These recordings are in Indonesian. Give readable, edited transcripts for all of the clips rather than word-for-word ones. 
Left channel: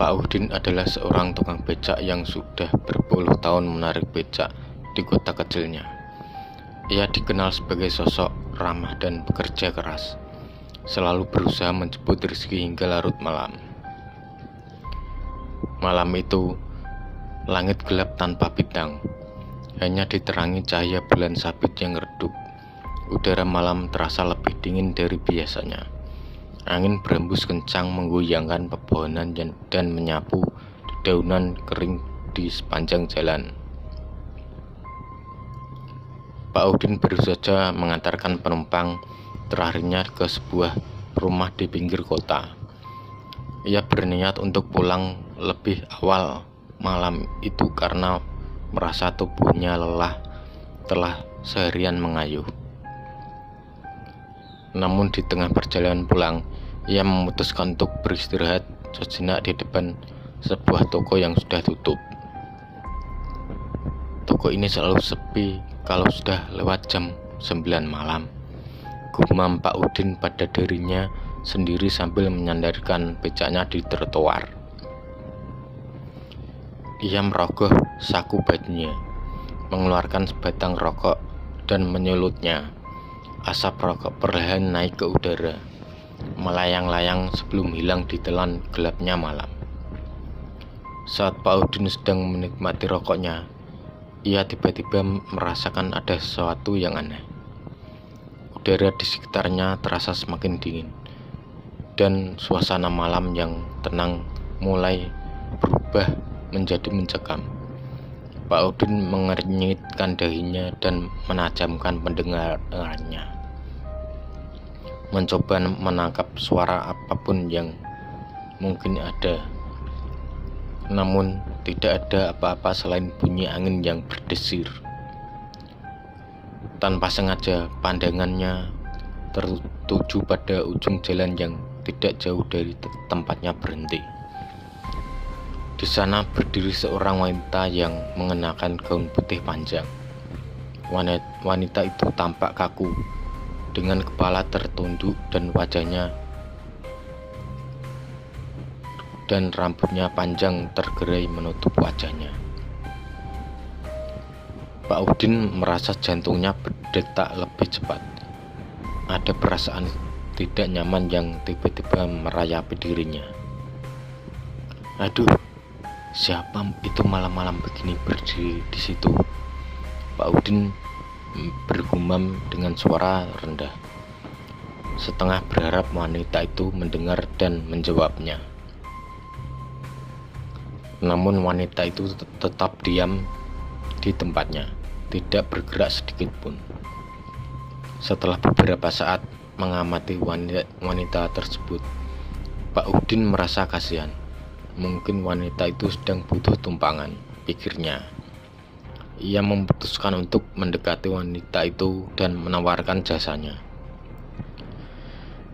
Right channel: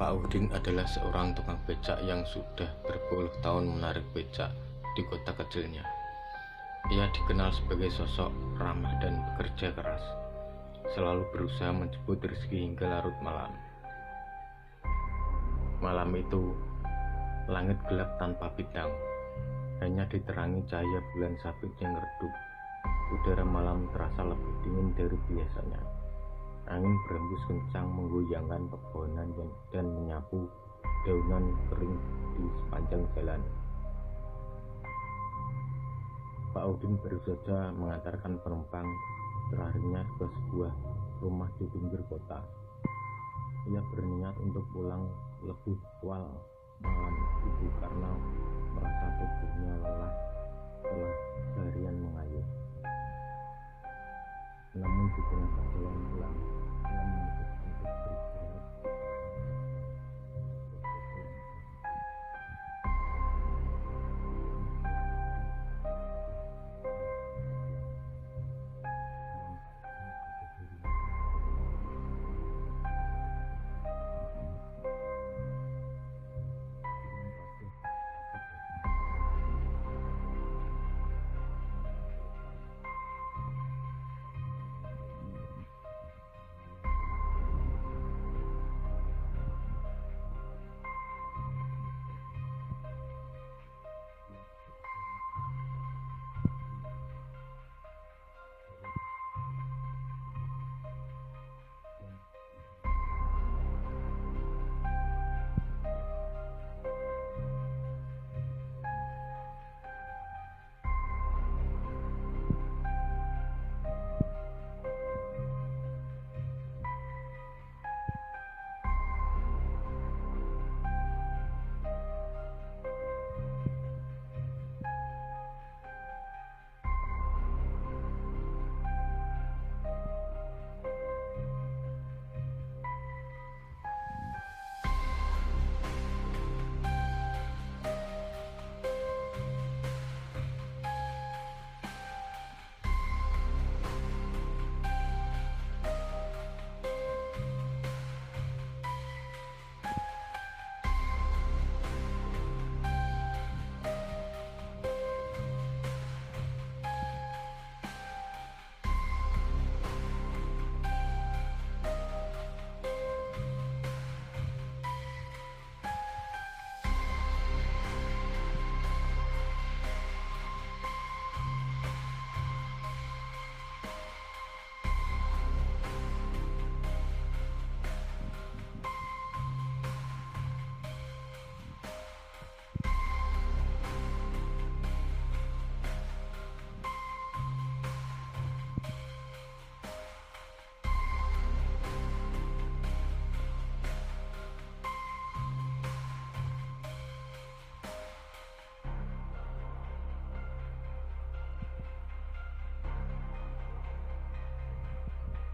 Pak Udin adalah seorang tukang becak yang sudah berpuluh tahun menarik becak di kota kecilnya. Ia dikenal sebagai sosok ramah dan bekerja keras, selalu berusaha menjemput rezeki hingga larut malam. Malam itu, langit gelap tanpa bintang, hanya diterangi cahaya bulan sabit yang redup. Udara malam terasa lebih dingin dari biasanya. Angin berembus kencang menggoyangkan pepohonan dan menyapu dedaunan kering di sepanjang jalan. Pak Udin baru saja mengantarkan penumpang terakhirnya ke sebuah rumah di pinggir kota. Ia berniat untuk pulang lebih awal malam itu karena merasa tubuhnya lelah telah seharian mengayuh. Namun di tengah perjalanan pulang, ia memutuskan untuk beristirahat sejenak di depan sebuah toko yang sudah tutup. Toko ini selalu sepi kalau sudah lewat jam 9 malam. Gumam Pak Udin pada dirinya sendiri sambil menyandarkan becaknya di trotoar. Ia merogoh saku bajunya, mengeluarkan sebatang rokok dan menyulutnya. Asap rokok perlahan naik ke udara, melayang-layang sebelum hilang ditelan gelapnya malam. Saat Pak Udin sedang menikmati rokoknya, ia tiba-tiba merasakan ada sesuatu yang aneh. Udara di sekitarnya terasa semakin dingin, dan suasana malam yang tenang mulai berubah menjadi mencekam. Pak Udin mengernyitkan dahinya dan menajamkan pendengarannya, mencoba menangkap suara apapun yang mungkin ada. Namun tidak ada apa-apa selain bunyi angin yang berdesir. Tanpa sengaja pandangannya tertuju pada ujung jalan yang tidak jauh dari tempatnya berhenti. Di sana berdiri seorang wanita yang mengenakan gaun putih panjang. Wanita itu tampak kaku, dengan kepala tertunduk dan wajahnya dan rambutnya panjang tergerai menutup wajahnya. Pak Udin merasa jantungnya berdetak lebih cepat. Ada perasaan tidak nyaman yang tiba-tiba merayapi dirinya. Aduh, siapa itu malam-malam begini berdiri di situ? Pak Udin bergumam dengan suara rendah, setengah berharap wanita itu mendengar dan menjawabnya. Namun wanita itu tetap diam di tempatnya, tidak bergerak sedikit pun. Setelah beberapa saat mengamati wanita tersebut, Pak Udin merasa kasihan. Mungkin wanita itu sedang butuh tumpangan, pikirnya. Ia memutuskan untuk mendekati wanita itu dan menawarkan jasanya.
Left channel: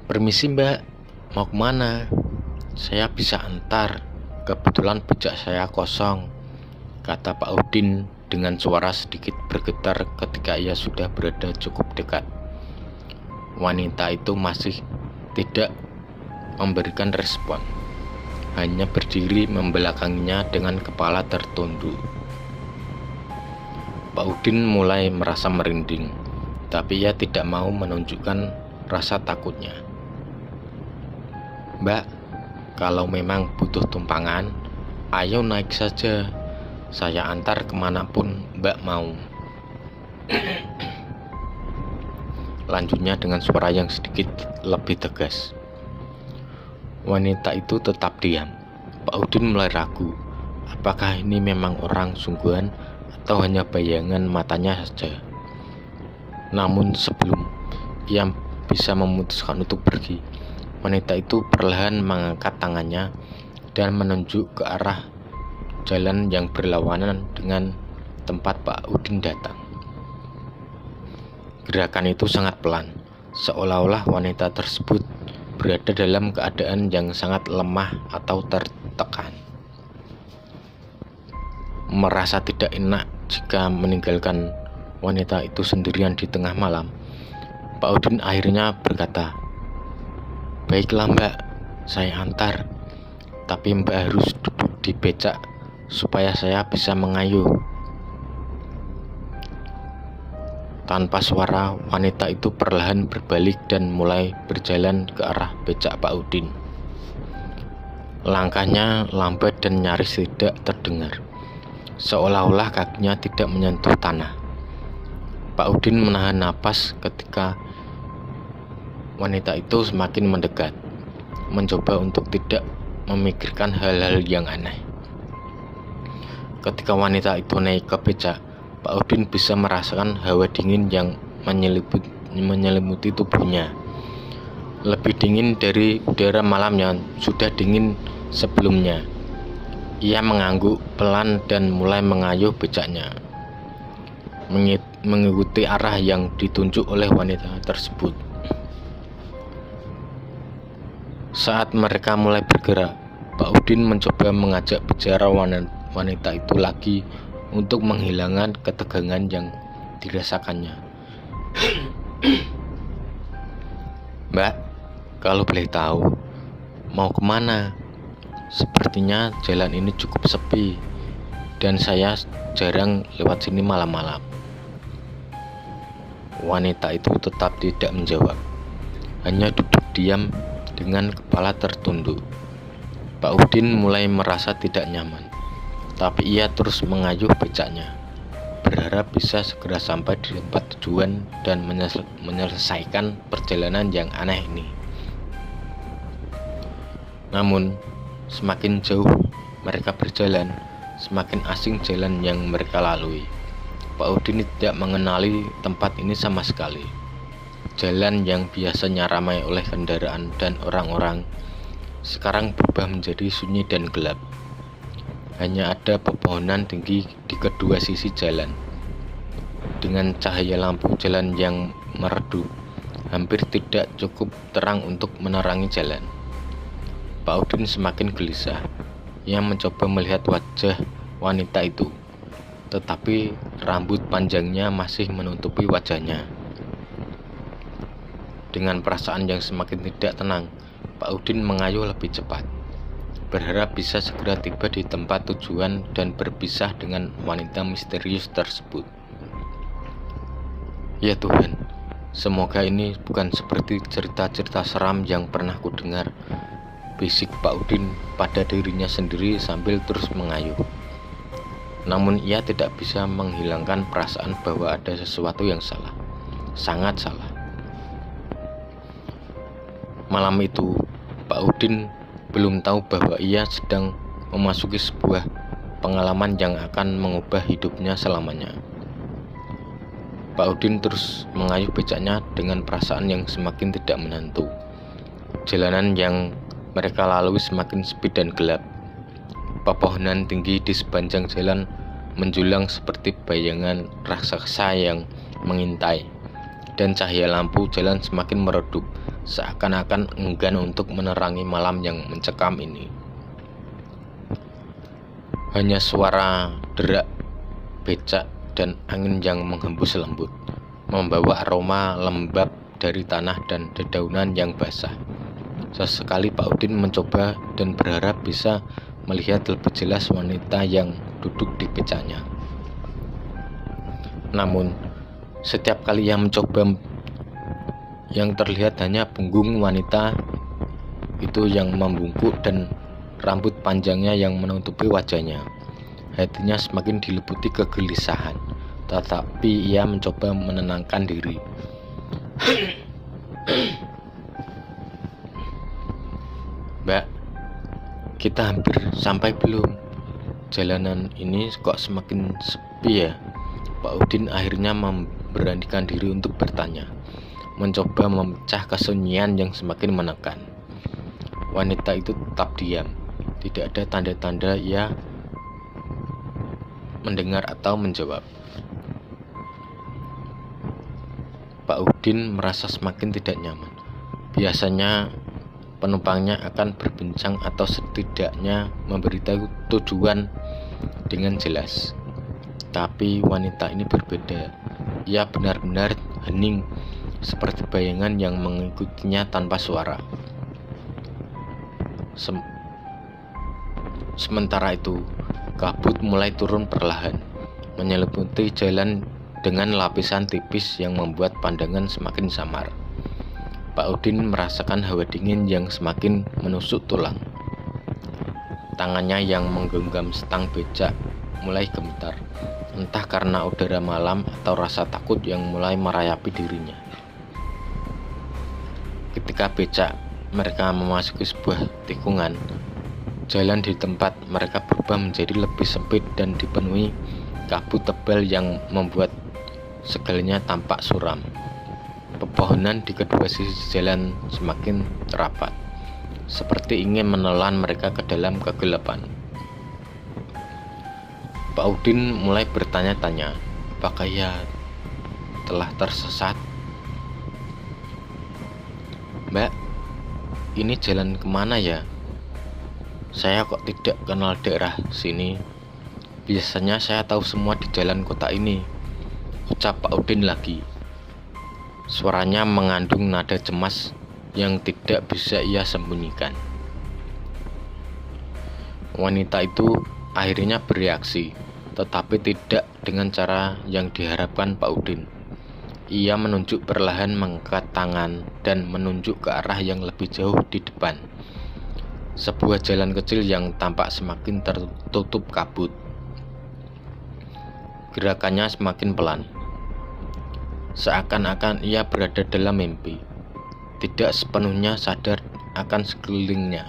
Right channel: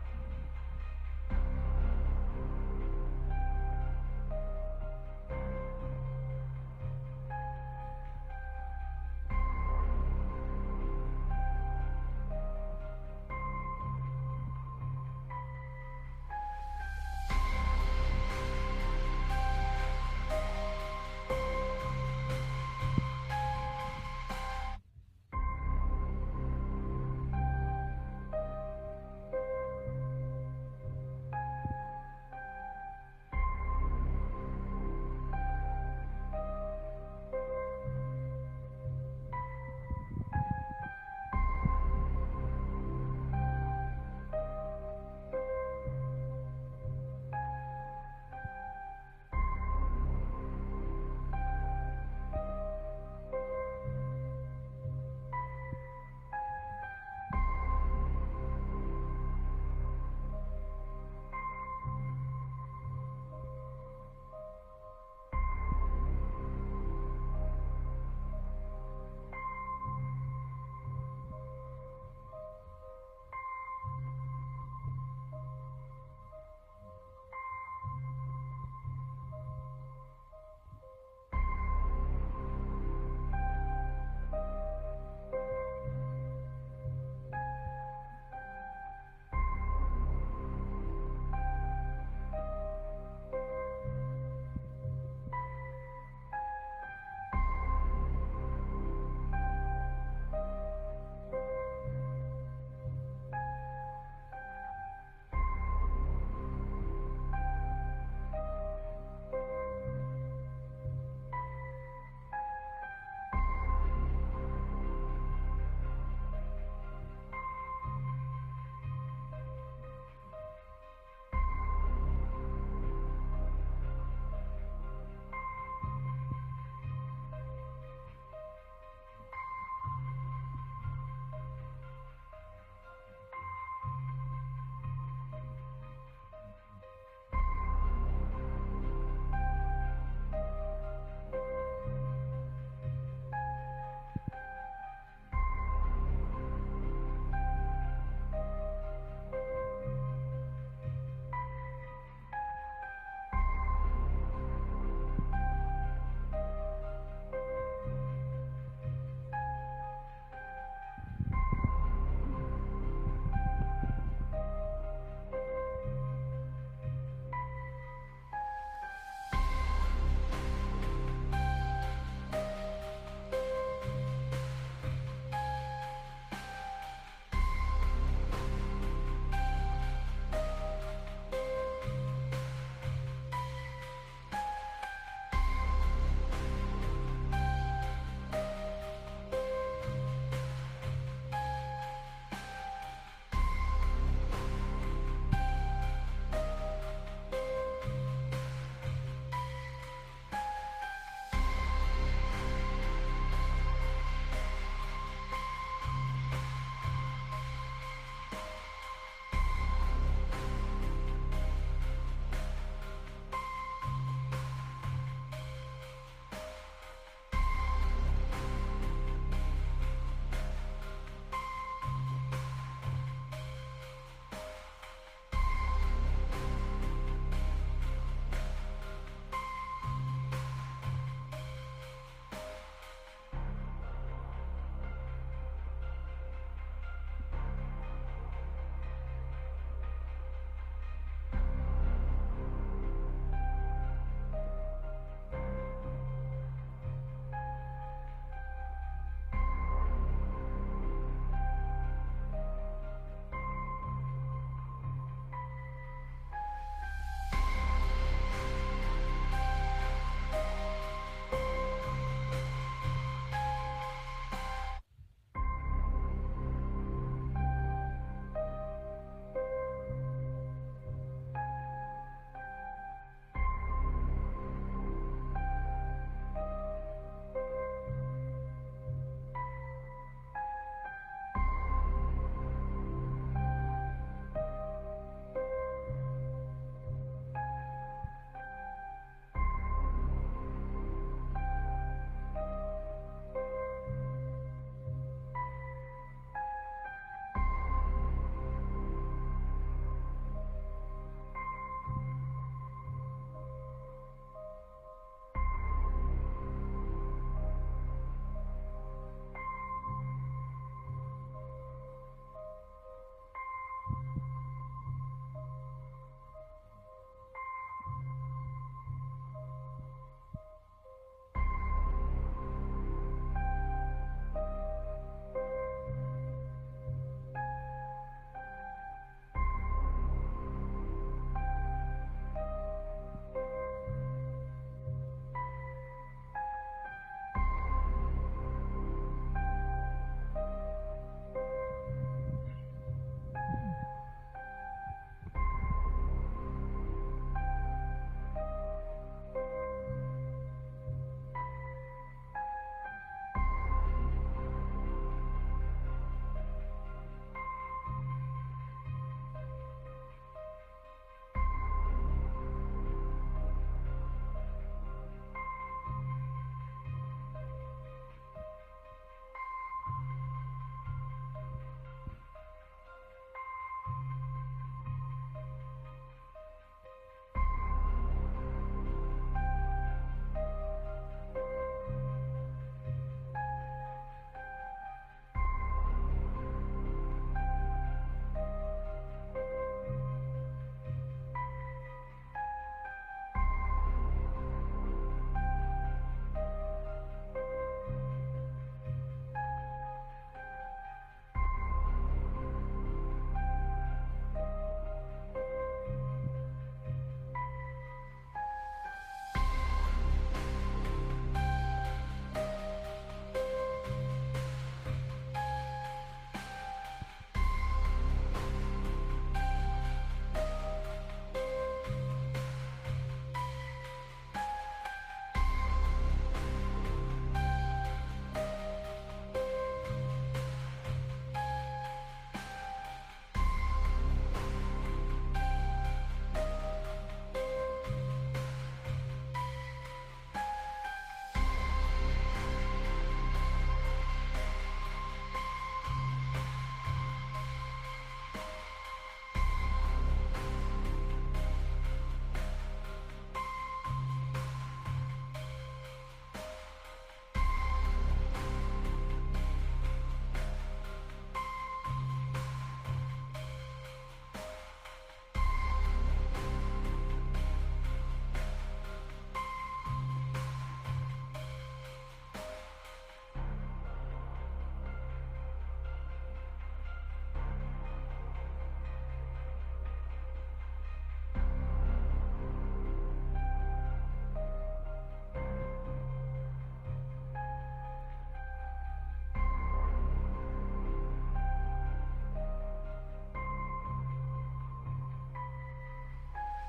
Permisi mbak, mau kemana? Saya bisa antar, kebetulan becak saya kosong, kata Pak Udin dengan suara sedikit bergetar ketika ia sudah berada cukup dekat. Wanita itu masih tidak memberikan respon, hanya berdiri membelakanginya dengan kepala tertunduk. Pak Udin mulai merasa merinding, tapi ia tidak mau menunjukkan rasa takutnya. Mbak, kalau memang butuh tumpangan, ayo naik saja. Saya antar kemanapun mbak mau. Lanjutnya dengan suara yang sedikit lebih tegas. Wanita itu tetap diam. Pak Udin mulai ragu, apakah ini memang orang sungguhan atau hanya bayangan matanya saja. Namun sebelum ia bisa memutuskan untuk pergi, wanita itu perlahan mengangkat tangannya dan menunjuk ke arah jalan yang berlawanan dengan tempat Pak Udin datang. Gerakan itu sangat pelan, seolah-olah wanita tersebut berada dalam keadaan yang sangat lemah atau tertekan. Merasa tidak enak jika meninggalkan wanita itu sendirian di tengah malam, Pak Udin akhirnya berkata, "Baiklah mbak, saya antar. Tapi Mbak harus duduk di becak supaya saya bisa mengayuh. Tanpa suara, wanita itu perlahan berbalik dan mulai berjalan ke arah becak Pak Udin. Langkahnya lambat dan nyaris tidak terdengar, seolah-olah kakinya tidak menyentuh tanah. Pak Udin menahan napas ketika wanita itu semakin mendekat, mencoba untuk tidak memikirkan hal-hal yang aneh. Ketika wanita itu naik ke becak, Pak Udin bisa merasakan hawa dingin yang menyelimuti tubuhnya. Lebih dingin dari udara malam yang sudah dingin sebelumnya. Ia mengangguk pelan dan mulai mengayuh becaknya, mengikuti arah yang ditunjuk oleh wanita tersebut. Saat mereka mulai bergerak, Pak Udin mencoba mengajak bicara wanita itu lagi untuk menghilangkan ketegangan yang dirasakannya. Mbak, kalau boleh tahu, mau kemana? Sepertinya jalan ini cukup sepi dan saya jarang lewat sini malam-malam. Wanita itu tetap tidak menjawab, hanya duduk diam dengan kepala tertunduk. Pak Udin mulai merasa tidak nyaman, tapi ia terus mengayuh becaknya, berharap bisa segera sampai di tempat tujuan dan menyelesaikan perjalanan yang aneh ini. Namun, semakin jauh mereka berjalan, semakin asing jalan yang mereka lalui. Pak Udin tidak mengenali tempat ini sama sekali. Jalan yang biasanya ramai oleh kendaraan dan orang-orang sekarang berubah menjadi sunyi dan gelap. Hanya ada pepohonan tinggi di kedua sisi jalan. Dengan cahaya lampu jalan yang meredup, hampir tidak cukup terang untuk menerangi jalan. Pak Udin semakin gelisah. Ia mencoba melihat wajah wanita itu, tetapi rambut panjangnya masih menutupi wajahnya. Dengan perasaan yang semakin tidak tenang, Pak Udin mengayuh lebih cepat, berharap bisa segera tiba di tempat tujuan dan berpisah dengan wanita misterius tersebut. Ya Tuhan, semoga ini bukan seperti cerita-cerita seram yang pernah kudengar, bisik Pak Udin pada dirinya sendiri sambil terus mengayuh. Namun ia tidak bisa menghilangkan perasaan bahwa ada sesuatu yang salah, sangat salah. Malam itu, Pak Udin belum tahu bahwa ia sedang memasuki sebuah pengalaman yang akan mengubah hidupnya selamanya. Pak Udin terus mengayuh becaknya dengan perasaan yang semakin tidak menentu. Jalanan yang mereka lalui semakin sepi dan gelap. Pepohonan tinggi di sepanjang jalan menjulang seperti bayangan raksasa yang mengintai, dan cahaya lampu jalan semakin meredup, seakan-akan enggan untuk menerangi malam yang mencekam ini. Hanya suara derak becak dan angin yang menghembus lembut, membawa aroma lembab dari tanah dan dedaunan yang basah. Sesekali Pak Udin mencoba dan berharap bisa melihat lebih jelas wanita yang duduk di becaknya. Namun, setiap kali ia mencoba, yang terlihat hanya punggung wanita itu yang membungkuk dan rambut panjangnya yang menutupi wajahnya. Hatinya semakin diliputi kegelisahan, tetapi ia mencoba menenangkan diri. Mbak, kita hampir sampai belum? Jalanan ini kok semakin sepi ya? Pak Udin akhirnya memberanikan diri untuk bertanya, mencoba memecah kesunyian yang semakin menekan. Wanita itu tetap diam. Tidak ada tanda-tanda ia mendengar atau menjawab. Pak Udin merasa semakin tidak nyaman. Biasanya penumpangnya akan berbincang atau setidaknya memberitahu tujuan dengan jelas. Tapi wanita ini berbeda. Ia benar-benar hening, seperti bayangan yang mengikutinya tanpa suara. Sementara itu, kabut mulai turun perlahan, menyelimuti jalan dengan lapisan tipis yang membuat pandangan semakin samar. Pak Udin merasakan hawa dingin yang semakin menusuk tulang. Tangannya yang menggenggam stang becak mulai gemetar, entah karena udara malam atau rasa takut yang mulai merayapi dirinya. Ketika becak mereka memasuki sebuah tikungan, jalan di tempat mereka berubah menjadi lebih sempit dan dipenuhi kabut tebal yang membuat segalanya tampak suram. Pepohonan di kedua sisi jalan semakin rapat, seperti ingin menelan mereka ke dalam kegelapan. Pak Udin mulai bertanya-tanya, apakah ia telah tersesat? "Mbak, ini jalan kemana ya? Saya kok tidak kenal daerah sini. Biasanya saya tahu semua di jalan kota ini," ucap Pak Udin lagi. Suaranya mengandung nada cemas yang tidak bisa ia sembunyikan. Wanita itu akhirnya bereaksi, tetapi tidak dengan cara yang diharapkan Pak Udin. Ia menunjuk perlahan, mengangkat tangan dan menunjuk ke arah yang lebih jauh di depan. Sebuah jalan kecil yang tampak semakin tertutup kabut. Gerakannya semakin pelan, seakan-akan ia berada dalam mimpi, tidak sepenuhnya sadar akan sekelilingnya.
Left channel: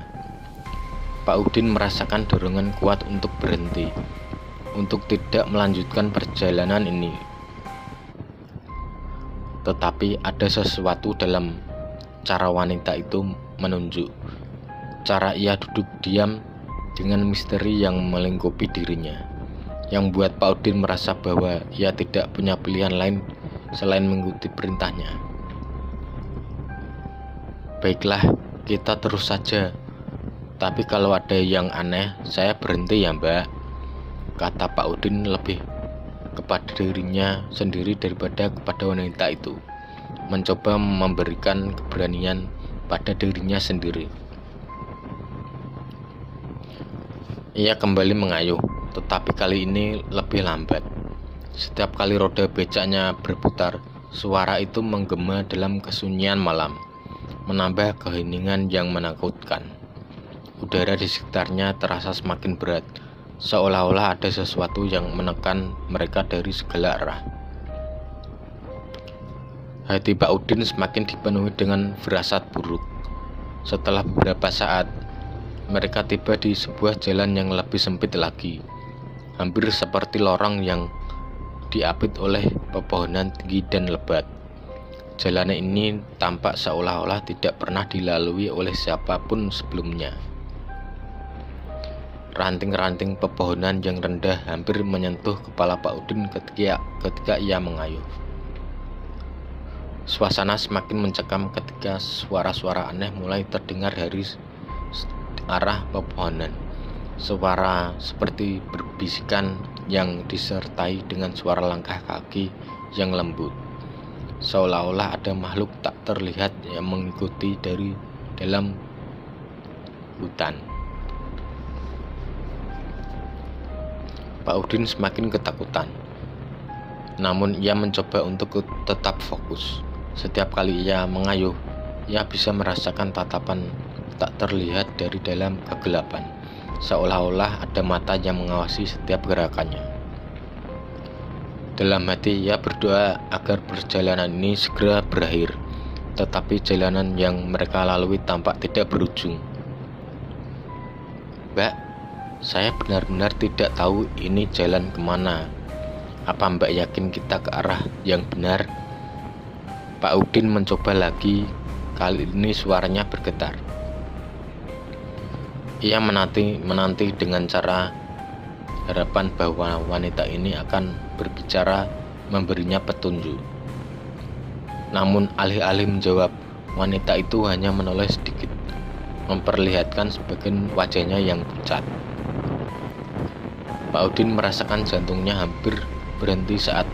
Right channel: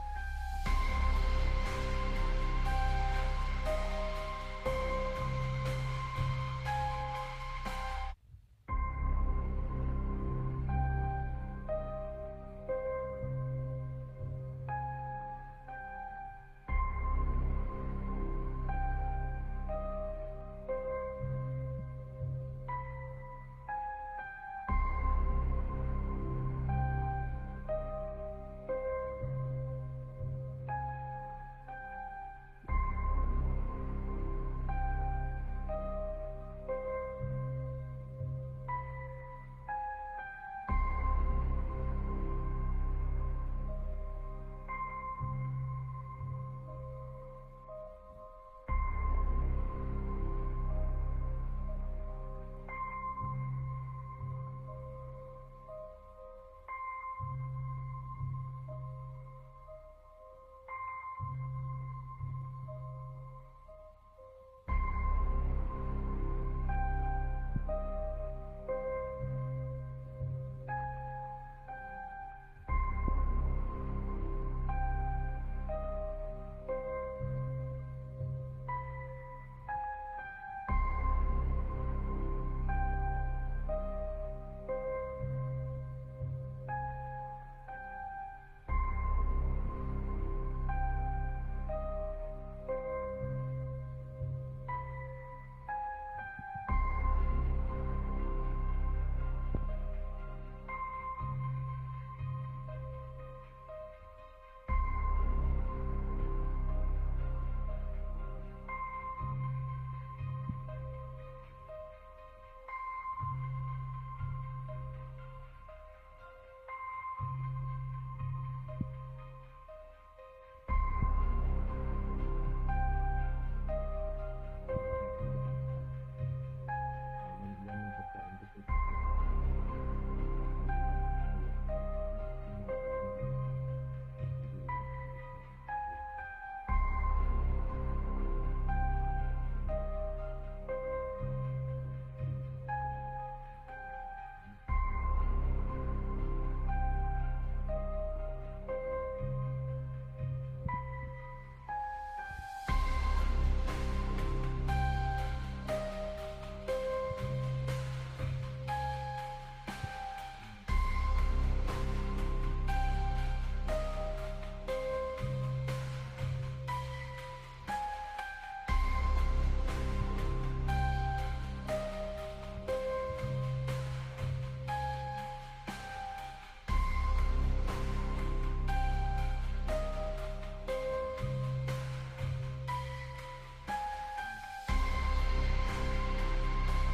Pak Udin merasakan dorongan kuat untuk berhenti, untuk tidak melanjutkan perjalanan ini. Tetapi ada sesuatu dalam cara wanita itu menunjuk, cara ia duduk diam dengan misteri yang melingkupi dirinya, yang buat Pak Udin merasa bahwa ia tidak punya pilihan lain selain mengikuti perintahnya. "Baiklah, kita terus saja. Tapi kalau ada yang aneh, saya berhenti ya, Mbak," kata Pak Udin lebih kepada dirinya sendiri daripada kepada wanita itu, mencoba memberikan keberanian pada dirinya sendiri. Ia kembali mengayuh, tetapi kali ini lebih lambat. Setiap kali roda becaknya berputar, suara itu menggema dalam kesunyian malam, menambah keheningan yang menakutkan. Udara di sekitarnya terasa semakin berat, seolah-olah ada sesuatu yang menekan mereka dari segala arah. Hati Pak Udin semakin dipenuhi dengan firasat buruk. Setelah beberapa saat, mereka tiba di sebuah jalan yang lebih sempit lagi, hampir seperti lorong yang diapit oleh pepohonan tinggi dan lebat. Jalan ini tampak seolah-olah tidak pernah dilalui oleh siapapun sebelumnya. Ranting-ranting pepohonan yang rendah hampir menyentuh kepala Pak Udin ketika ia mengayuh. Suasana semakin mencekam ketika suara-suara aneh mulai terdengar dari arah pepohonan. Suara seperti berbisikan yang disertai dengan suara langkah kaki yang lembut, seolah-olah ada makhluk tak terlihat yang mengikuti dari dalam hutan. Pak Udin semakin ketakutan, namun ia mencoba untuk tetap fokus. Setiap kali ia mengayuh, ia bisa merasakan tatapan tak terlihat dari dalam kegelapan, seolah-olah ada mata yang mengawasi setiap gerakannya. Dalam hati ia berdoa agar perjalanan ini segera berakhir, tetapi jalanan yang mereka lalui tampak tidak berujung. "Mbak, saya benar-benar tidak tahu ini jalan kemana. Apa Mbak yakin kita ke arah yang benar?" Pak Udin mencoba lagi, kali ini suaranya bergetar. Ia menanti dengan cara harapan bahwa wanita ini akan berbicara, memberinya petunjuk. Namun alih-alih menjawab, wanita itu hanya menoleh sedikit, memperlihatkan sebagian wajahnya yang pucat. Pak Udin merasakan jantungnya hampir berhenti saat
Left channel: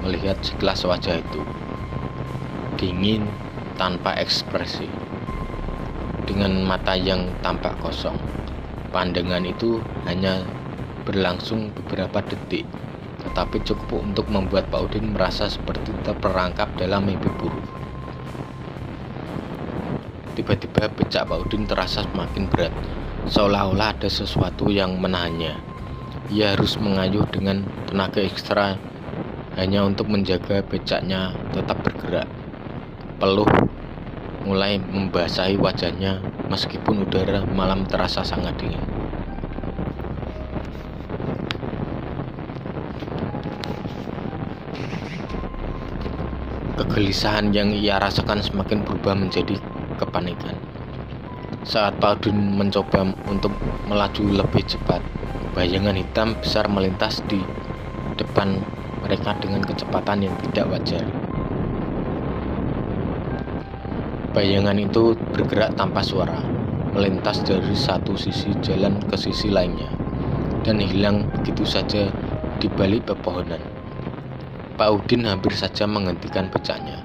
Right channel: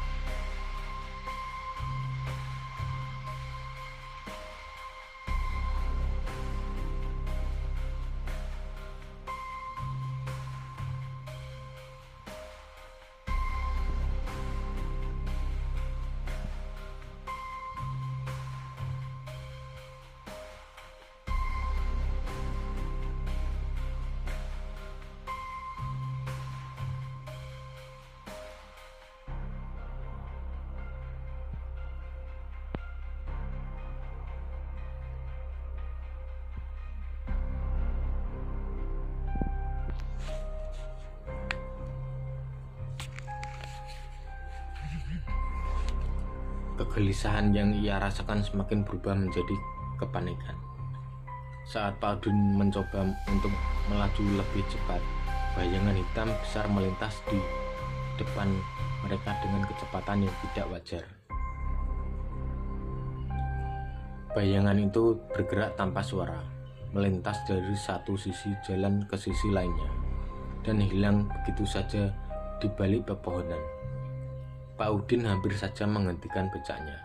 melihat sekilas wajah itu. Dingin, tanpa ekspresi, dengan mata yang tampak kosong. Pandangan itu hanya berlangsung beberapa detik, tetapi cukup untuk membuat Pak Udin merasa seperti terperangkap dalam mimpi buruk. Tiba-tiba becak Pak Udin terasa semakin berat, seolah-olah ada sesuatu yang menahannya. Ia harus mengayuh dengan tenaga ekstra hanya untuk menjaga becaknya tetap bergerak. Peluh mulai membasahi wajahnya meskipun udara malam terasa sangat dingin. Kegelisahan yang ia rasakan semakin berubah menjadi kepanikan. Saat Pak Udin mencoba untuk melaju lebih cepat, bayangan hitam besar melintas di depan mereka dengan kecepatan yang tidak wajar. Bayangan itu bergerak tanpa suara, melintas dari satu sisi jalan ke sisi lainnya, dan hilang begitu saja di balik pepohonan. Pak Udin hampir saja menghentikan becaknya,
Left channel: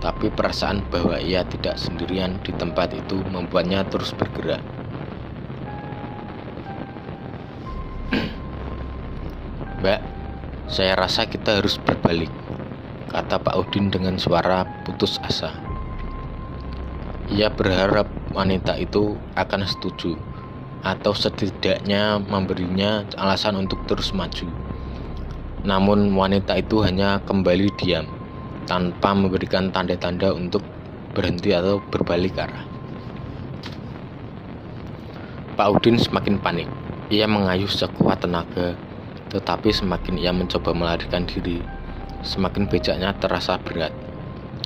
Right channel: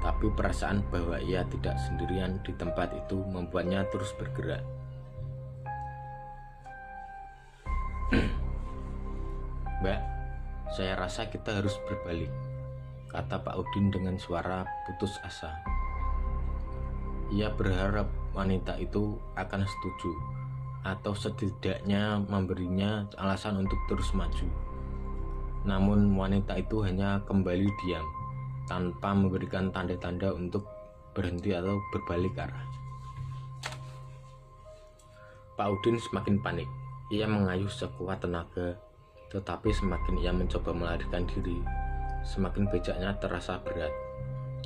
tapi perasaan bahwa ia tidak sendirian di tempat itu membuatnya terus bergerak. "Mbak, saya rasa kita harus berbalik," kata Pak Udin dengan suara putus asa. Ia berharap wanita itu akan setuju, atau setidaknya memberinya alasan untuk terus maju. Namun wanita itu hanya kembali diam, tanpa memberikan tanda-tanda untuk berhenti atau berbalik arah. Pak Udin semakin panik. Ia mengayuh sekuat tenaga, tetapi semakin ia mencoba melarikan diri, semakin becaknya terasa berat.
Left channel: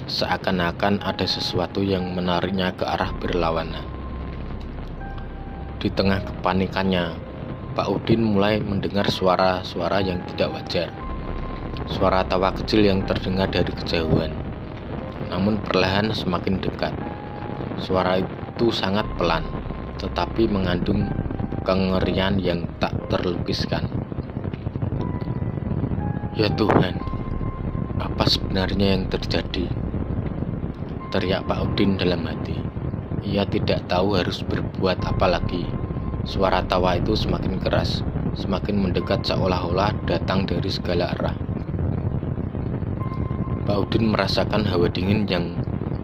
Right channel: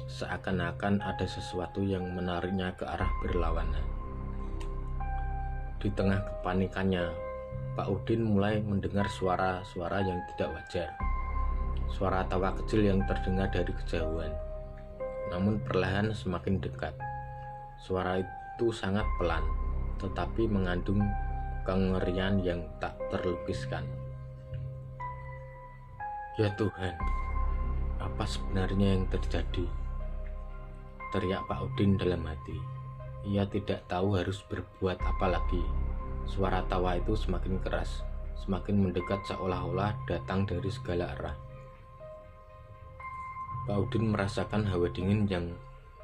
Seakan-akan ada sesuatu yang menariknya ke arah berlawanan. Di tengah kepanikannya, Pak Udin mulai mendengar suara-suara yang tidak wajar. Suara tawa kecil yang terdengar dari kejauhan, namun perlahan semakin dekat. Suara itu sangat pelan, tetapi mengandung kengerian yang tak terlukiskan. "Ya Tuhan, apa sebenarnya yang terjadi?" teriak Pak Udin dalam hati. Ia tidak tahu harus berbuat apa lagi. Suara tawa itu semakin keras, semakin mendekat seolah-olah datang dari segala arah. Pak Udin merasakan hawa dingin yang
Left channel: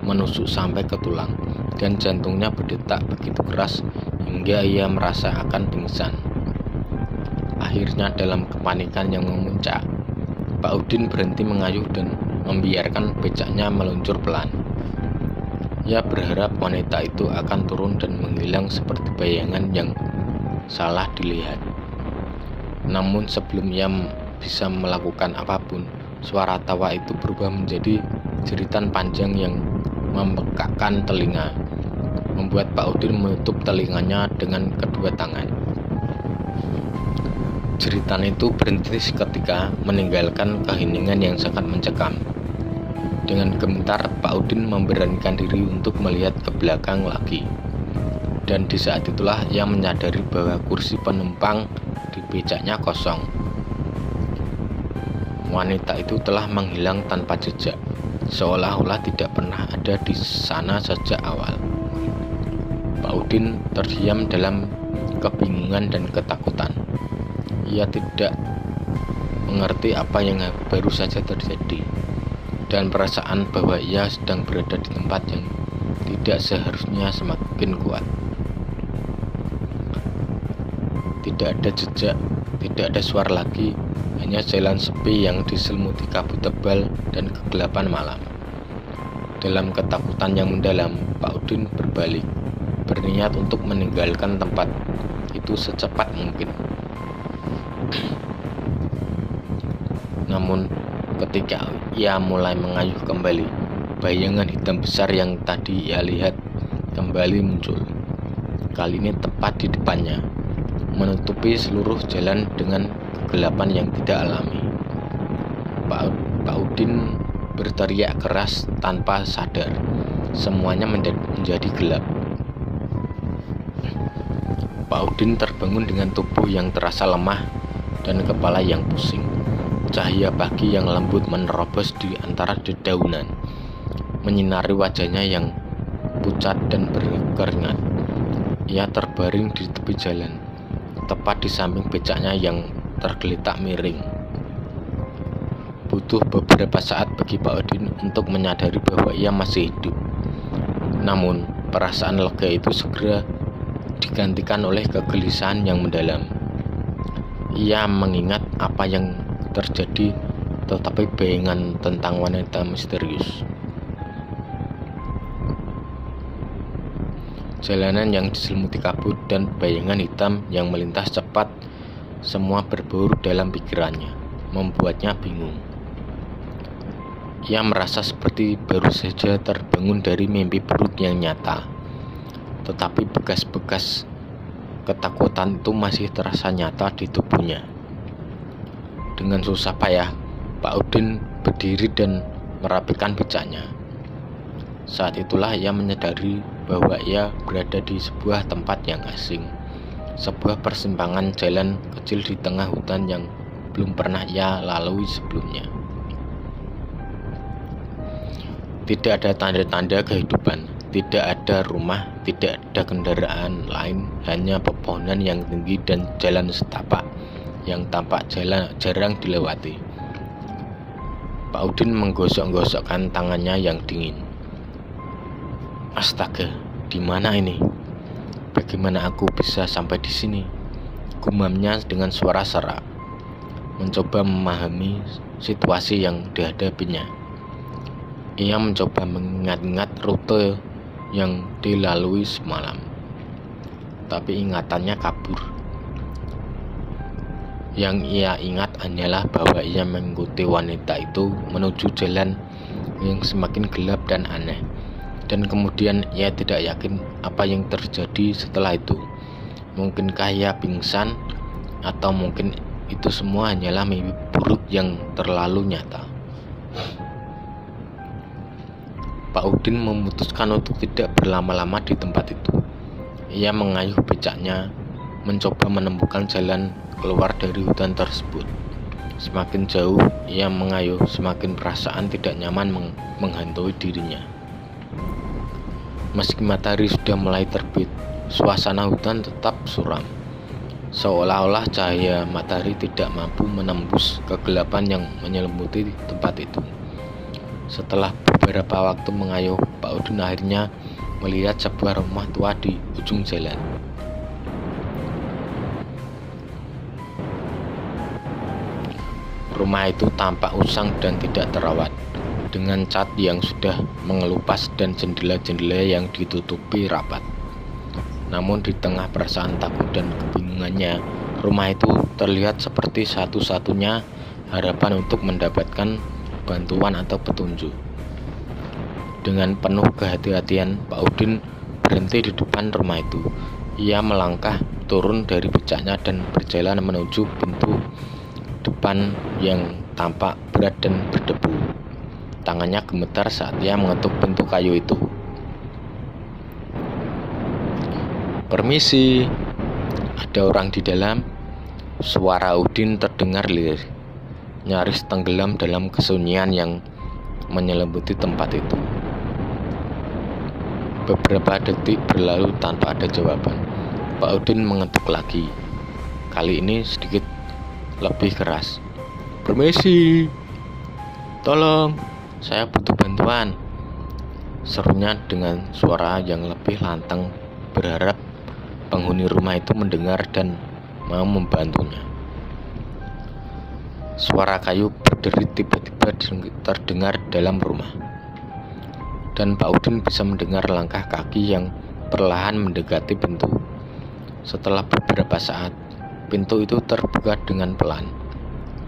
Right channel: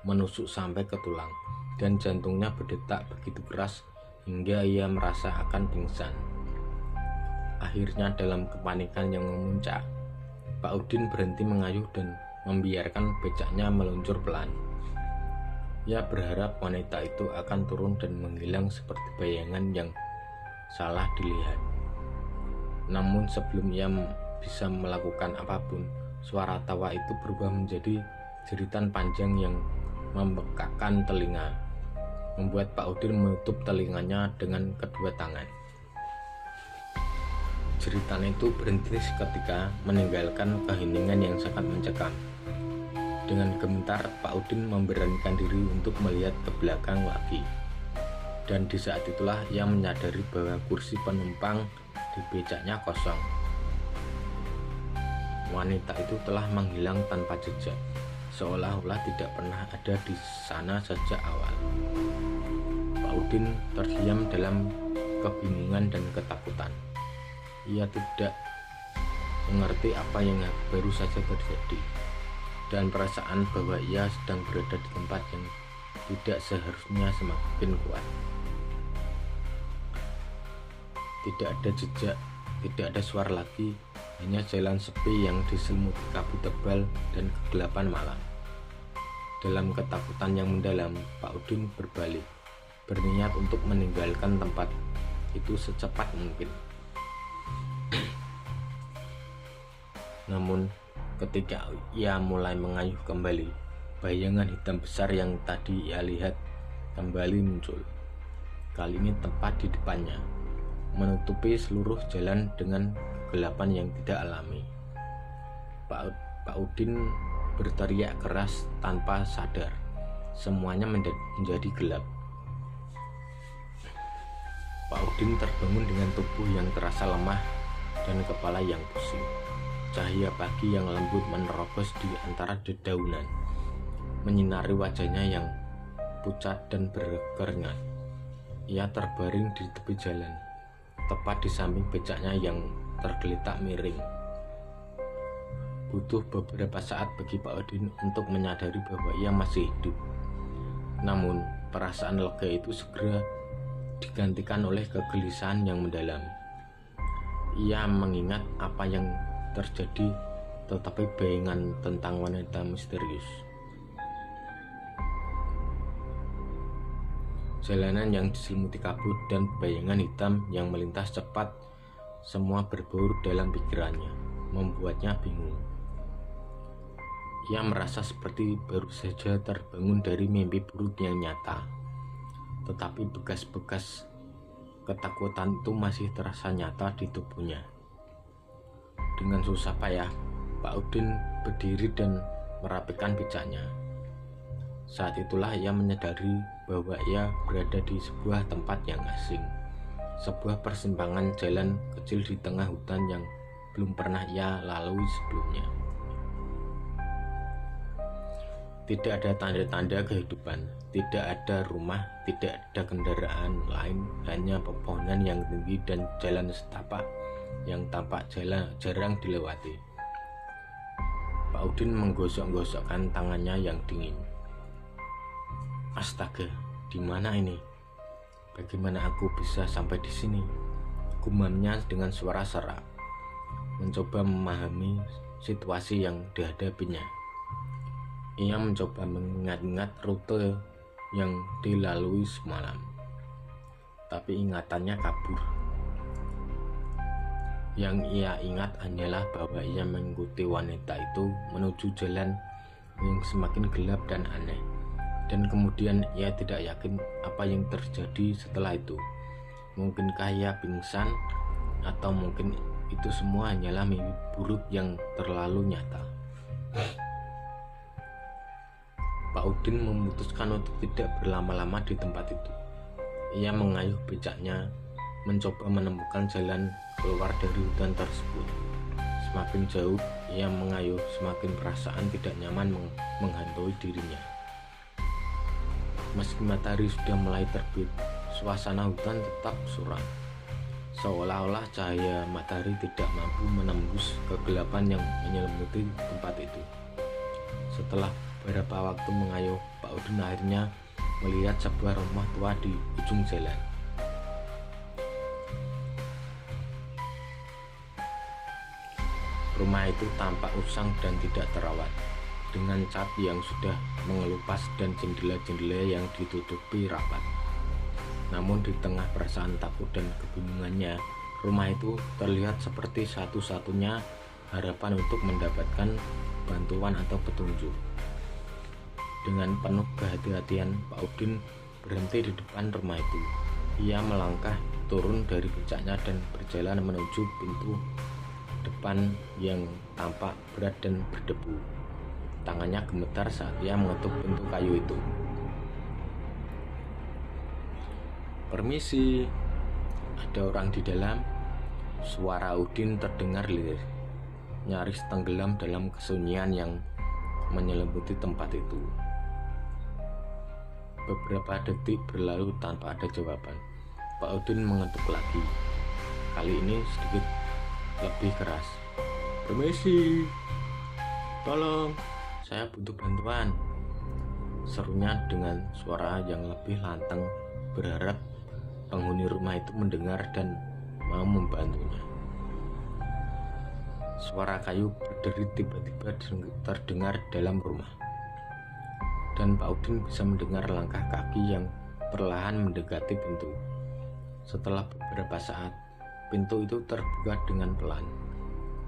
menusuk sampai ke tulang, dan jantungnya berdetak begitu keras hingga ia merasa akan pingsan. Akhirnya dalam kepanikan yang memuncak, Pak Udin berhenti mengayuh dan membiarkan becaknya meluncur pelan. Ia berharap wanita itu akan turun dan menghilang seperti bayangan yang salah dilihat. Namun sebelum ia bisa melakukan apapun, suara tawa itu berubah menjadi jeritan panjang yang membekakkan telinga, membuat Pak Udin menutup telinganya dengan kedua tangan. Jeritan itu berhenti seketika, meninggalkan keheningan yang sangat mencekam. Dengan gemetar, Pak Udin memberanikan diri untuk melihat ke belakang lagi. Dan di saat itulah ia menyadari bahwa kursi penumpang di becaknya kosong. Wanita itu telah menghilang tanpa jejak, seolah-olah tidak pernah ada di sana sejak awal. Pak Udin terdiam dalam kebingungan dan ketakutan. Ia tidak mengerti apa yang baru saja terjadi, dan perasaan bahwa ia sedang berada di tempat yang tidak seharusnya semakin kuat. Tidak ada jejak, tidak ada suara lagi, hanya jalan sepi yang diselimuti kabut tebal dan kegelapan malam. Dalam ketakutan yang mendalam, Pak Udin berbalik, berniat untuk meninggalkan tempat itu secepat mungkin. Namun ketika ia mulai mengayuh kembali, bayangan hitam besar yang tadi ia lihat kembali muncul. Kali ini tepat di depannya, menutupi seluruh jalan dengan kegelapan yang tidak alami. Pak Udin berteriak keras tanpa sadar. Semuanya menjadi gelap. Pak Udin terbangun dengan tubuh yang terasa lemah dan kepala yang pusing. Cahaya pagi yang lembut menerobos di antara dedaunan, menyinari wajahnya yang pucat dan berkeringat. Ia terbaring di tepi jalan, tepat di samping becaknya yang tergeletak miring. Butuh beberapa saat bagi Pak Udin untuk menyadari bahwa ia masih hidup. Namun, perasaan lega itu segera digantikan oleh kegelisahan yang mendalam. Ia mengingat apa yang terjadi, tetapi bayangan tentang wanita misterius. Jalanan yang diselimuti kabut dan bayangan hitam yang melintas cepat, semua berburu dalam pikirannya, membuatnya bingung. Ia merasa seperti baru saja terbangun dari mimpi buruk yang nyata. Tetapi bekas-bekas ketakutan itu masih terasa nyata di tubuhnya. Dengan susah payah, Pak Udin berdiri dan merapikan becaknya. Saat itulah ia menyadari bahwa ia berada di sebuah tempat yang asing, sebuah persimpangan jalan kecil di tengah hutan yang belum pernah ia lalui sebelumnya. Tidak ada tanda-tanda kehidupan, tidak ada rumah, tidak ada kendaraan lain, hanya pepohonan yang tinggi dan jalan setapak yang tampak jarang dilewati. Pak Udin menggosok-gosokkan tangannya yang dingin. Astaga, di mana ini? Bagaimana aku bisa sampai di sini? Gumamnya dengan suara serak, mencoba memahami situasi yang dihadapinya. Ia mencoba mengingat-ingat rute yang dilalui semalam, tapi ingatannya kabur. Yang ia ingat hanyalah bahwa ia mengikuti wanita itu menuju jalan yang semakin gelap dan aneh. Dan kemudian ia tidak yakin apa yang terjadi setelah itu. Mungkinkah ia pingsan, atau mungkin itu semua hanyalah mimpi buruk yang terlalu nyata. Pak Udin memutuskan untuk tidak berlama-lama di tempat itu. Ia mengayuh becaknya, mencoba menemukan jalan keluar dari hutan tersebut. Semakin jauh ia mengayuh, semakin perasaan tidak nyaman menghantui dirinya. Meski matahari sudah mulai terbit, suasana hutan tetap suram. Seolah-olah cahaya matahari tidak mampu menembus kegelapan yang menyelimuti tempat itu. Setelah beberapa waktu mengayuh, Pak Udin akhirnya melihat sebuah rumah tua di ujung jalan. Rumah itu tampak usang dan tidak terawat, dengan cat yang sudah mengelupas dan jendela-jendela yang ditutupi rapat. Namun di tengah perasaan takut dan kebingungannya, rumah itu terlihat seperti satu-satunya harapan untuk mendapatkan bantuan atau petunjuk. Dengan penuh kehati-hatian, Pak Udin berhenti di depan rumah itu. Ia melangkah turun dari becaknya dan berjalan menuju pintu depan yang tampak berat dan berdebu. Tangannya gemetar saat ia mengetuk pintu kayu itu. "Permisi, ada orang di dalam?" Suara Udin terdengar lirih, nyaris tenggelam dalam kesunyian yang menyelimuti tempat itu. Beberapa detik berlalu tanpa ada jawaban. Pak Udin mengetuk lagi, kali ini sedikit lebih keras. "Permisi, tolong, saya butuh bantuan," serunya dengan suara yang lebih lantang, berharap penghuni rumah itu mendengar dan mau membantunya. Suara kayu berderit tiba-tiba terdengar dalam rumah, dan Pak Udin bisa mendengar langkah kaki yang perlahan mendekati pintu. Setelah beberapa saat, pintu itu terbuka dengan pelan,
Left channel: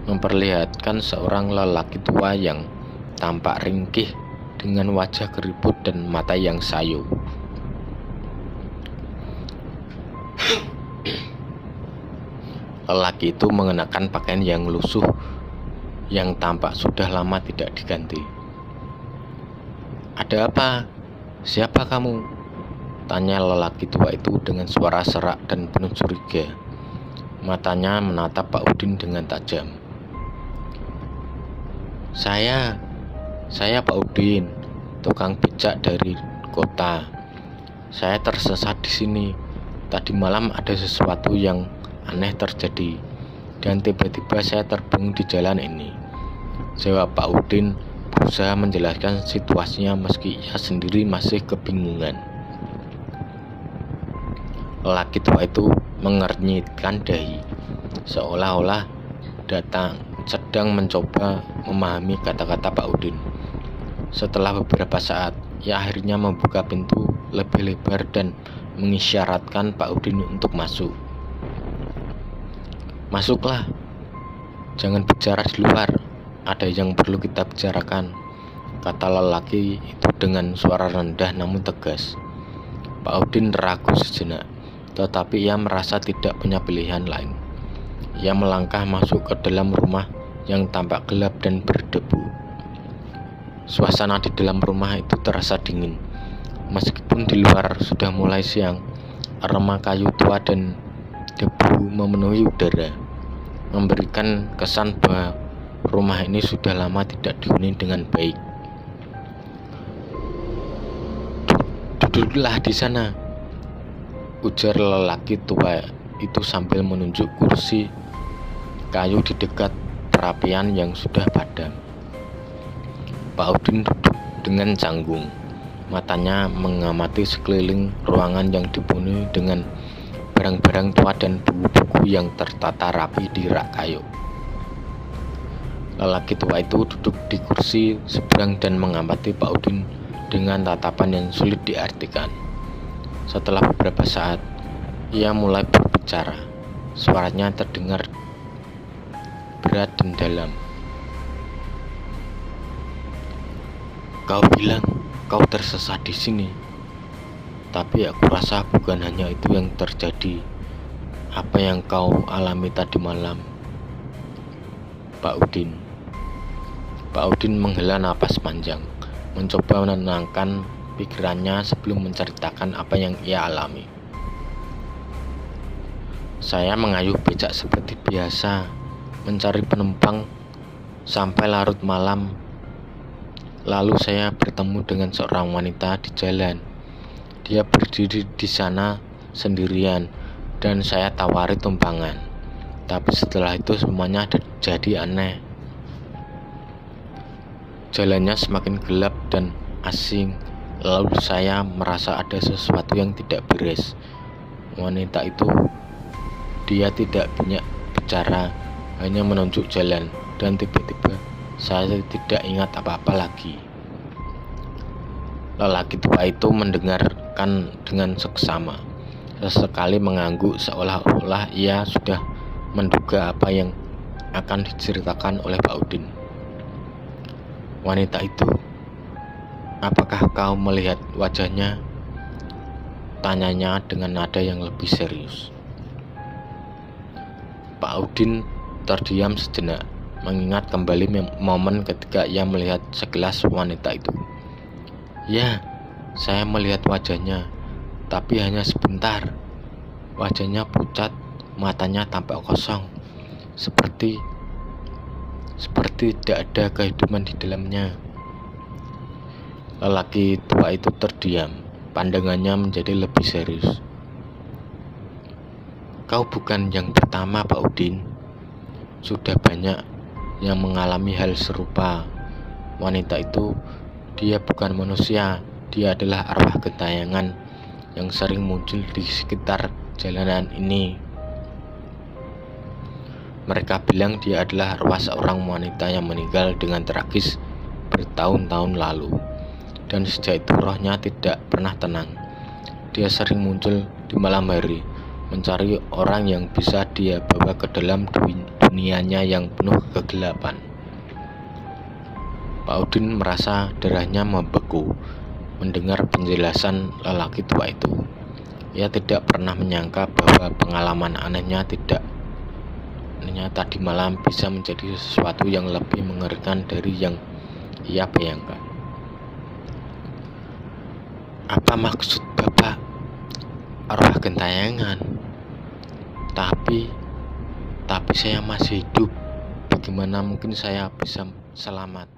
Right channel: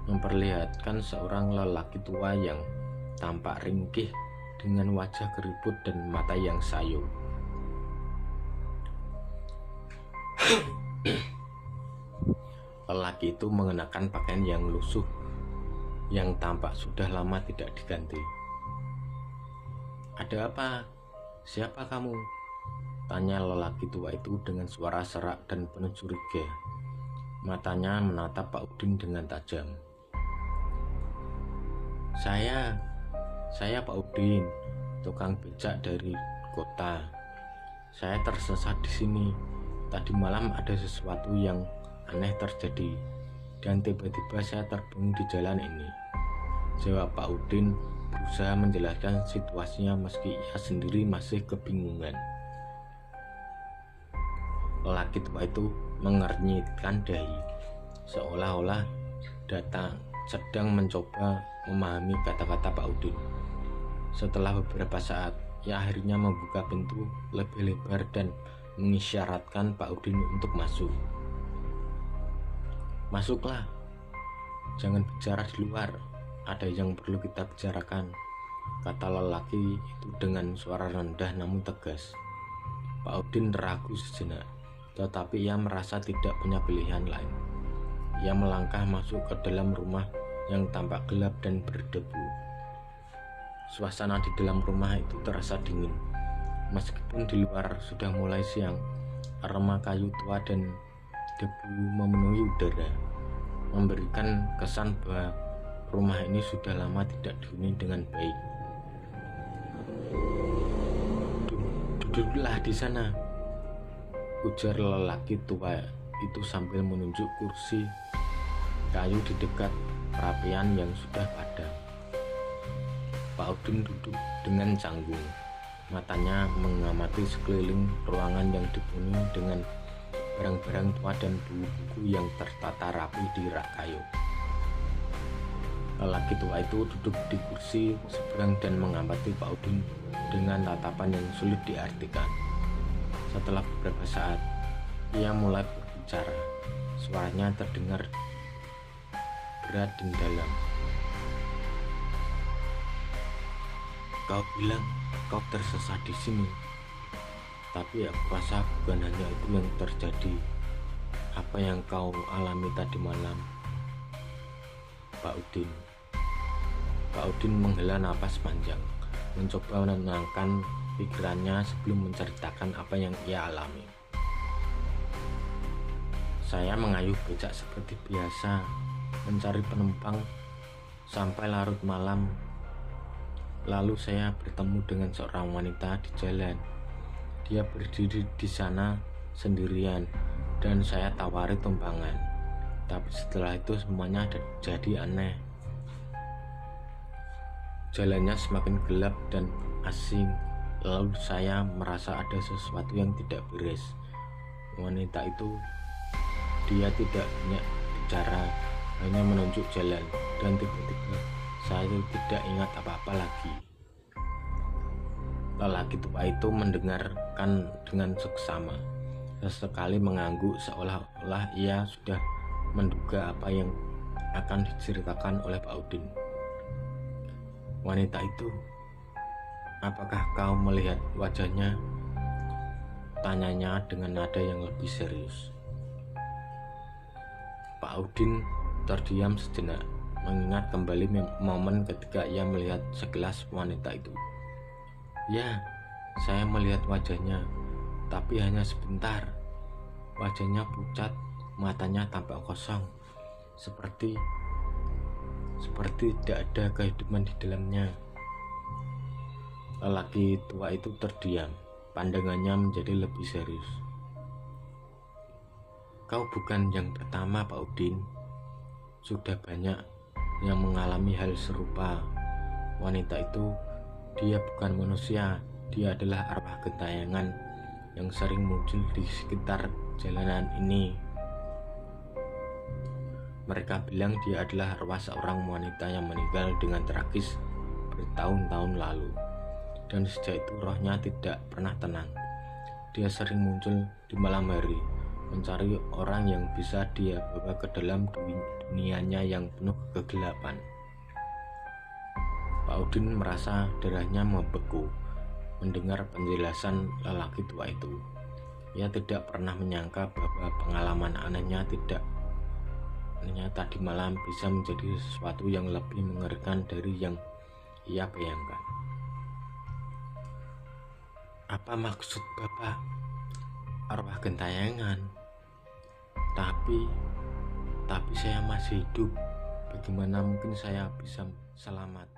memperlihatkan seorang lelaki tua yang tampak ringkih dengan wajah keriput dan mata yang sayu. Lelaki itu mengenakan pakaian yang lusuh yang tampak sudah lama tidak diganti. "Ada apa? Siapa kamu?" tanya lelaki tua itu dengan suara serak dan penuh curiga. Matanya menatap Pak Udin dengan tajam. Saya Pak Udin, tukang becak dari kota. Saya tersesat di sini. Tadi malam ada sesuatu yang aneh terjadi, dan tiba-tiba saya terbang di jalan ini. Jawab Pak Udin berusaha menjelaskan situasinya meski ia sendiri masih kebingungan. Lelaki tua itu mengernyitkan dahi, seolah-olah sedang mencoba memahami kata-kata Pak Udin. Setelah beberapa saat, ia akhirnya membuka pintu lebih lebar dan mengisyaratkan Pak Udin untuk masuk. "Masuklah, jangan bicara di luar, ada yang perlu kita bicarakan," kata lelaki itu dengan suara rendah namun tegas. Pak Udin ragu sejenak, tetapi ia merasa tidak punya pilihan lain. Ia melangkah masuk ke dalam rumah yang tampak gelap dan berdebu. Suasana di dalam rumah itu terasa dingin. Meskipun di luar sudah mulai siang, aroma kayu tua dan debu memenuhi udara, memberikan kesan bahwa rumah ini sudah lama tidak dihuni dengan baik. "Duduklah di sana," ujar lelaki tua itu sambil menunjuk kursi kayu di dekat perapian yang sudah padam. Pak Udin duduk dengan canggung. Matanya mengamati sekeliling ruangan yang dipenuhi dengan barang-barang tua dan buku-buku yang tertata rapi di rak kayu. Lelaki tua itu duduk di kursi seberang dan mengamati Pak Udin dengan tatapan yang sulit diartikan. Setelah beberapa saat, ia mulai berbicara. Suaranya terdengar berat dan dalam. "Kau bilang kau tersesat di sini, tapi aku rasa bukan hanya itu yang terjadi. Apa yang kau alami tadi malam?" Pak Udin menghela napas panjang, mencoba menenangkan pikirannya sebelum menceritakan apa yang ia alami. "Saya mengayuh becak seperti biasa, mencari penumpang sampai larut malam. Lalu saya bertemu dengan seorang wanita di jalan. Dia berdiri di sana sendirian dan saya tawari tumpangan. Tapi setelah itu semuanya jadi aneh. Jalannya semakin gelap dan asing. Lalu saya merasa ada sesuatu yang tidak beres. Wanita itu, dia tidak banyak bicara, hanya menunjuk jalan, dan tiba-tiba saya tidak ingat apa-apa lagi." Lelaki tua itu mendengarkan dengan seksama, sesekali mengangguk seolah-olah ia sudah menduga apa yang akan diceritakan oleh Pak Udin. "Wanita itu, apakah kau melihat wajahnya?" tanyanya dengan nada yang lebih serius. Pak Udin terdiam sejenak, mengingat kembali momen ketika ia melihat sekilas wanita itu. "Ya, saya melihat wajahnya, tapi hanya sebentar. Wajahnya pucat, matanya tampak kosong, seperti tidak ada kehidupan di dalamnya." Lelaki tua itu terdiam, pandangannya menjadi lebih serius. "Kau bukan yang pertama, Pak Udin. Sudah banyak yang mengalami hal serupa. Wanita itu, dia bukan manusia, dia adalah arwah gentayangan yang sering muncul di sekitar jalanan ini. Mereka bilang dia adalah arwah seorang wanita yang meninggal dengan tragis bertahun-tahun lalu, dan sejak itu rohnya tidak pernah tenang. Dia sering muncul di malam hari, mencari orang yang bisa dia bawa ke dalam dunianya yang penuh kegelapan." Pak Udin merasa darahnya membeku mendengar penjelasan lelaki tua itu. Ia tidak pernah menyangka bahwa pengalaman anehnya tadi malam bisa menjadi sesuatu yang lebih mengerikan dari yang ia bayangkan. "Apa maksud Bapak arwah gentayangan? Tapi saya masih hidup. Bagaimana mungkin saya bisa selamat?"